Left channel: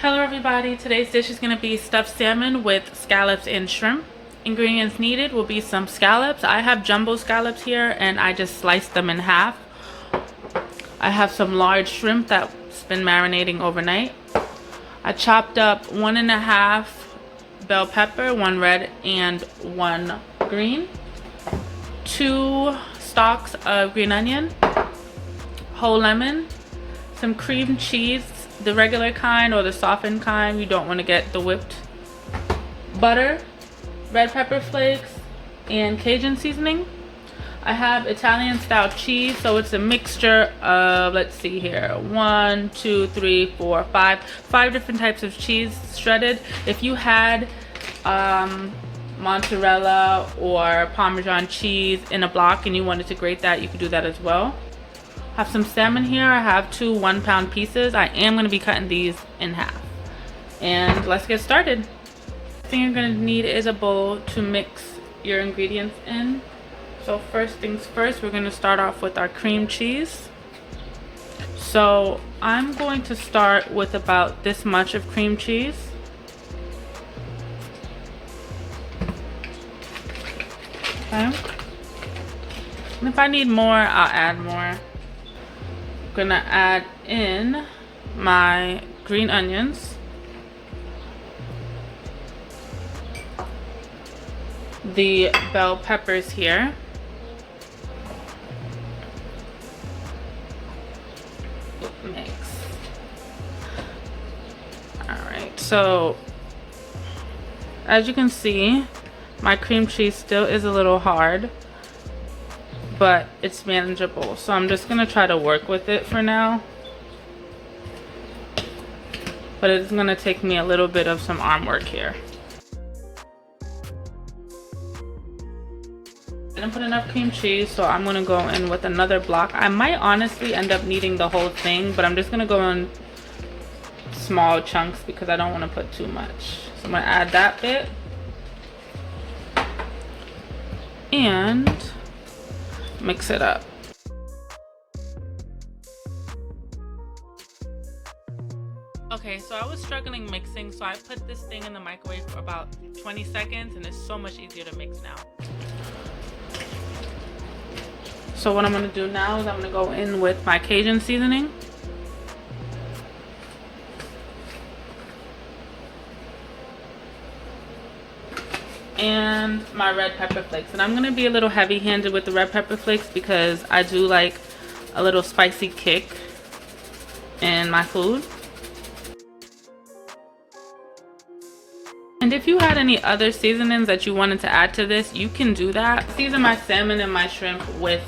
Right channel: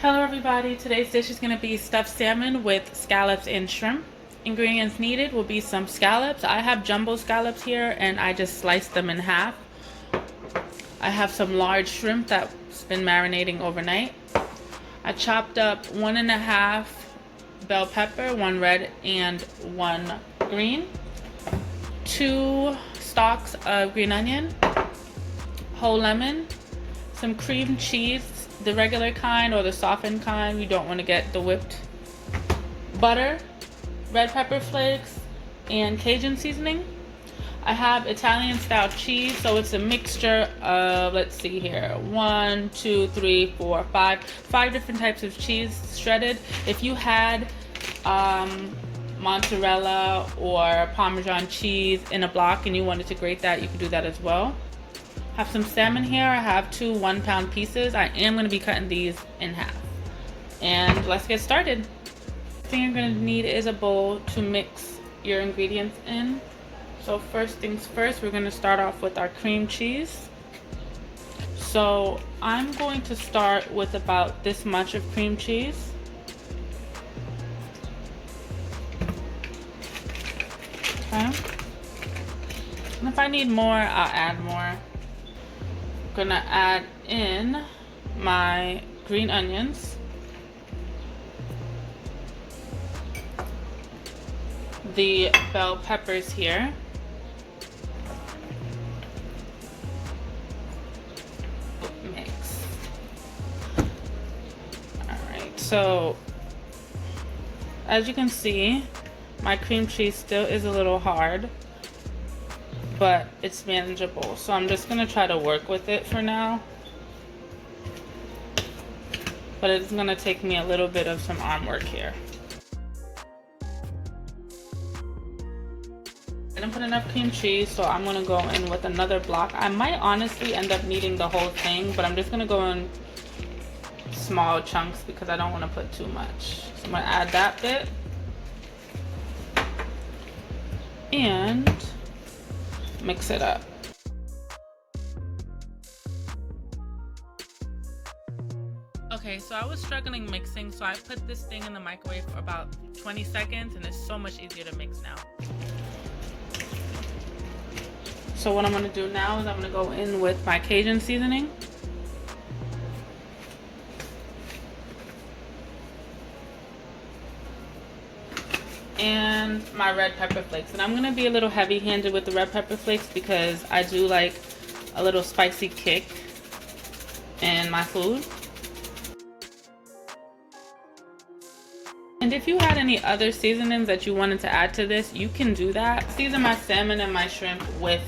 Hello everybody, today's dish is going to be stuffed salmon with scallops and shrimp. Ingredients needed will be some scallops. I have jumbo scallops here and I just sliced them in half. I have some large shrimp that's been marinating overnight. I chopped up 1.5 bell pepper, 1 red and 1 green. 2 stalks of green onion, whole lemon, some cream cheese, the regular kind or the softened kind. You don't want to get the whipped. Butter, red pepper flakes, and Cajun seasoning. I have Italian style cheese, so it's a mixture of, let's see here, 1, 2, 3, 4, 5 different types of cheese shredded. If you had mozzarella or Parmesan cheese in a block and you wanted to grate that, you could do that as well. I have some salmon here. I have 2 1-pound pieces. I am going to be cutting these in half. And let's get started. The thing you're going to need is a bowl to mix your ingredients in. So first things first, we're going to start off with our cream cheese. So I'm going to start with about this much of cream cheese. Okay. And if I need more, I'll add more. I'm gonna add in my green onions, the bell peppers here, mix. Alright, so as you can see, my cream cheese still is a little hard, but it's manageable. So I'm just gonna try to work with it for now. But it's gonna take me a little bit of some arm work here. I didn't put enough cream cheese, so I'm gonna go in with another block. I might honestly end up needing the whole thing, but I'm just gonna go in small chunks because I don't wanna put too much. So I'm gonna add that bit. And mix it up. Okay, so I was struggling mixing, so I put this thing in the microwave for about 20 seconds and it's so much easier to mix now. So what I'm gonna do now is I'm gonna go in with my Cajun seasoning. And my red pepper flakes. And I'm gonna be a little heavy-handed with the red pepper flakes because I do like a little spicy kick in my food. And if you had any other seasonings that you wanted to add to this, you can do that. I season my salmon and my shrimp with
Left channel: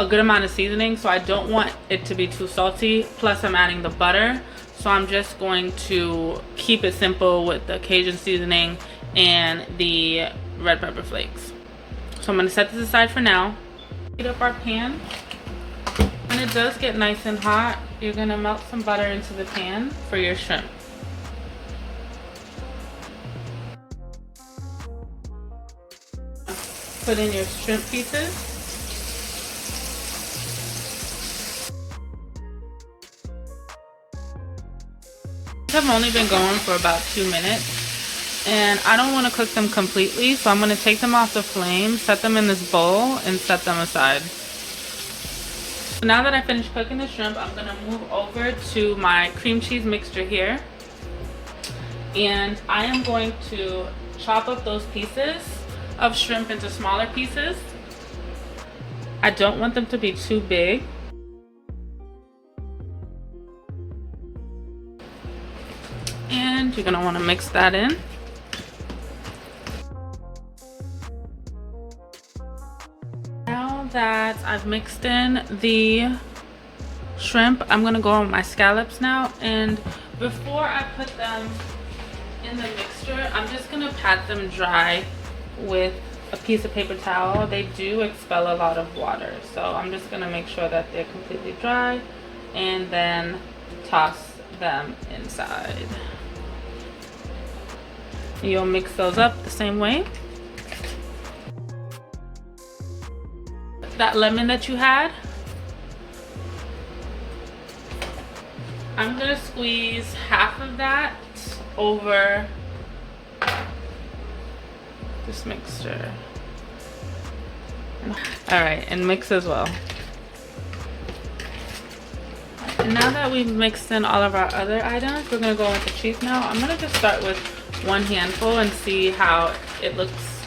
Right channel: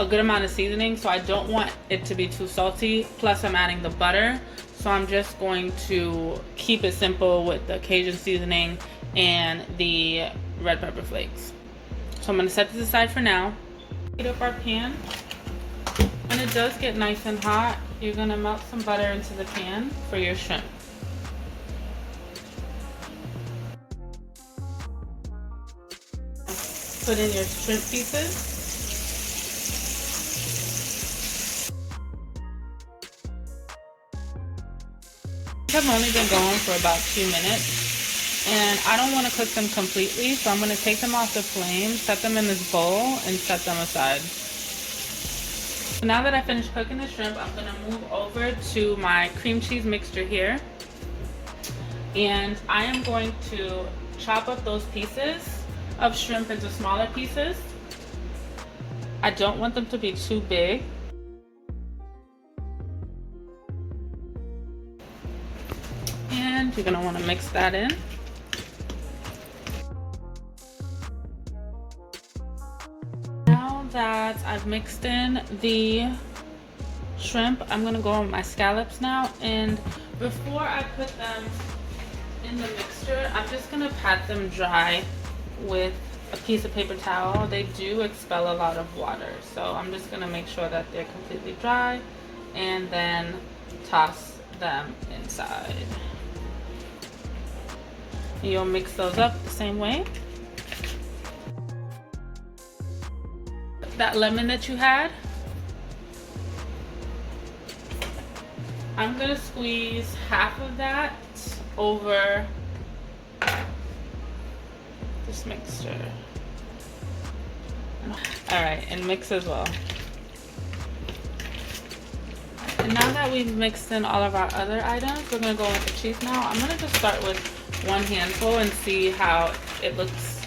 a good amount of seasoning, so I don't want it to be too salty. Plus I'm adding the butter, so I'm just going to keep it simple with the Cajun seasoning and the red pepper flakes. So I'm going to set this aside for now. Heat up our pan. When it does get nice and hot, you're going to melt some butter into the pan for your shrimp. Put in your shrimp pieces. I've only been going for about 2 minutes. And I don't want to cook them completely, so I'm going to take them off the flame, set them in this bowl, and set them aside. So now that I finished cooking the shrimp, I'm going to move over to my cream cheese mixture here. And I am going to chop up those pieces of shrimp into smaller pieces. I don't want them to be too big. And you're going to want to mix that in. That I've mixed in the shrimp, I'm gonna go on my scallops now, and before I put them in the mixture, I'm just gonna pat them dry with a piece of paper towel. They do expel a lot of water, so I'm just gonna make sure that they're completely dry and then toss them inside. You'll mix those up the same way. That lemon that you had, I'm gonna squeeze half of that over this mixture. All right, and mix as well. And now that we've mixed in all of our other items, we're gonna go with the cheese now. I'm gonna just start with one handful and see how it looks,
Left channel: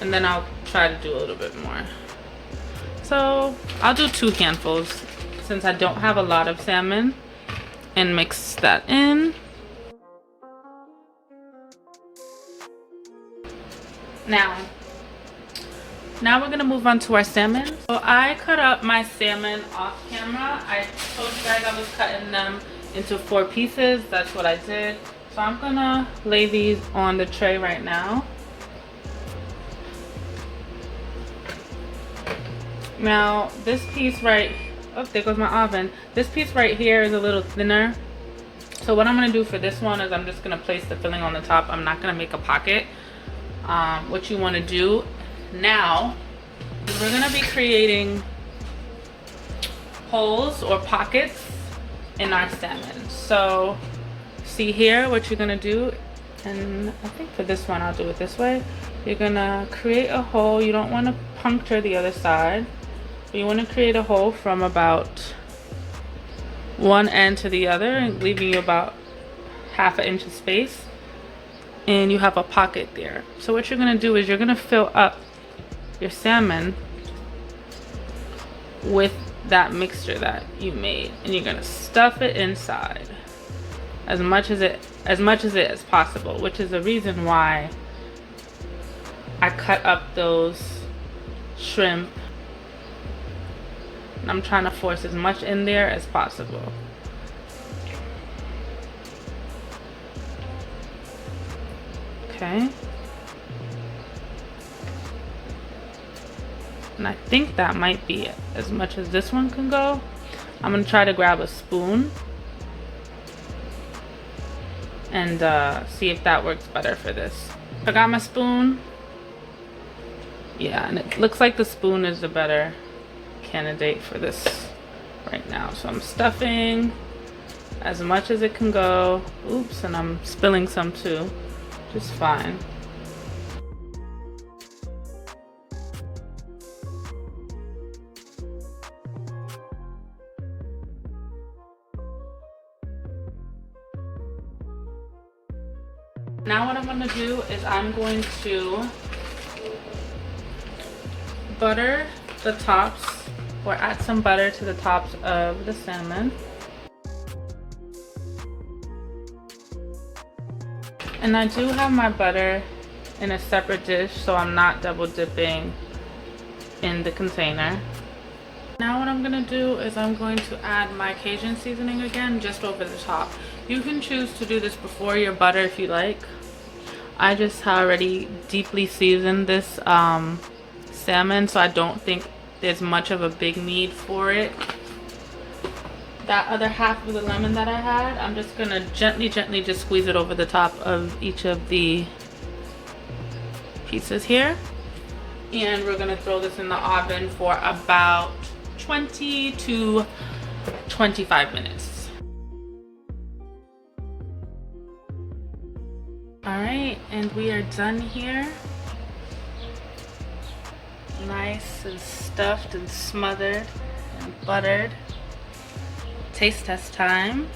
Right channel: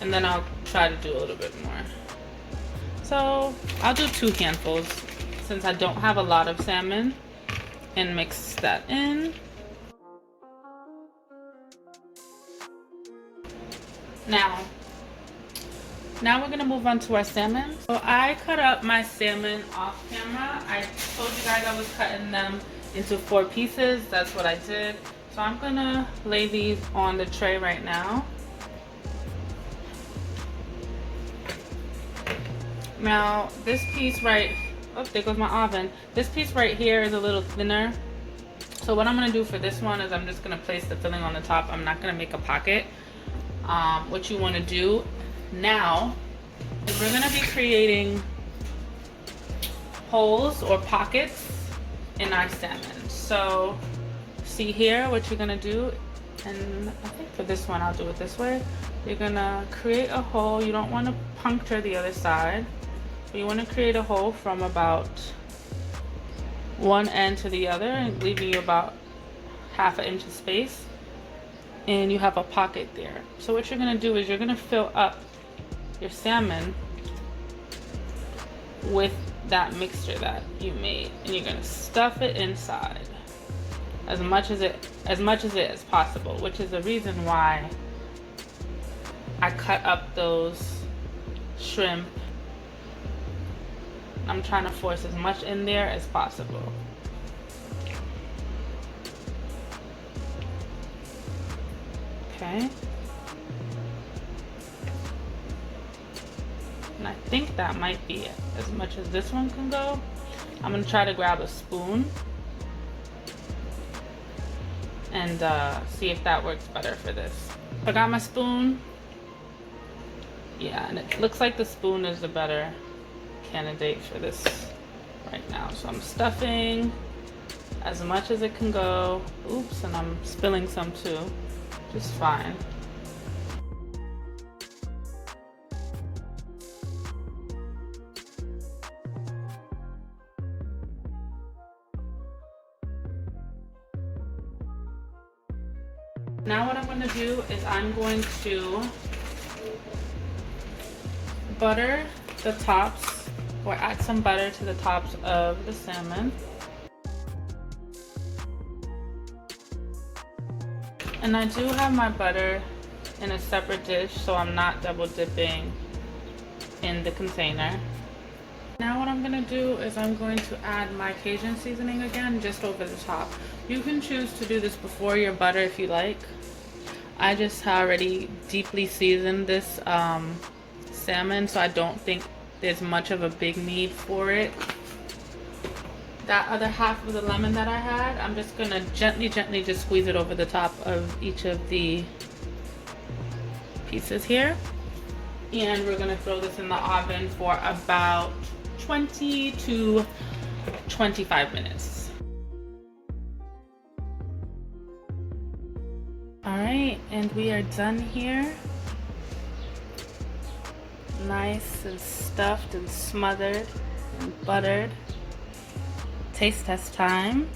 and then I'll try to do a little bit more. So I'll do 2 handfuls since I don't have a lot of salmon, and mix that in. Now we're gonna move on to our salmon. So I cut up my salmon off camera. I told you guys I was cutting them into 4 pieces. That's what I did. So I'm gonna lay these on the tray right now. Now this piece right, oh, there goes my oven. This piece right here is a little thinner. So what I'm gonna do for this one is I'm just gonna place the filling on the top. I'm not gonna make a pocket. What you wanna do now is we're gonna be creating holes or pockets in our salmon. So see here what you're gonna do, and I think for this one I'll do it this way. You're gonna create a hole. You don't want to puncture the other side, but you want to create a hole from about one end to the other, and leaving you about ½ inch of space, and you have a pocket there. So what you're gonna do is you're gonna fill up your salmon with that mixture that you made, and you're gonna stuff it inside as much as it is possible, which is the reason why I cut up those shrimp. I'm trying to force as much in there as possible. Okay. And I think that might be it, as much as this one can go. I'm gonna try to grab a spoon and see if that works better for this. I got my spoon. Yeah, and it looks like the spoon is the better candidate for this right now. So I'm stuffing as much as it can go. Oops, and I'm spilling some too, just fine. Now what I'm going to do is I'm going to butter the tops, or add some butter to the tops of the salmon. And I do have my butter in a separate dish, so I'm not double dipping in the container. Now what I'm going to do is I'm going to add my Cajun seasoning again, just over the top. You can choose to do this before your butter if you like. I just already deeply seasoned this salmon, so I don't think there's much of a big need for it. That other half of the lemon that I had, I'm just gonna gently just squeeze it over the top of each of the pieces here. And we're gonna throw this in the oven for about 20 to 25 minutes. All right, and we are done here. Nice and stuffed and smothered and buttered. Taste test time.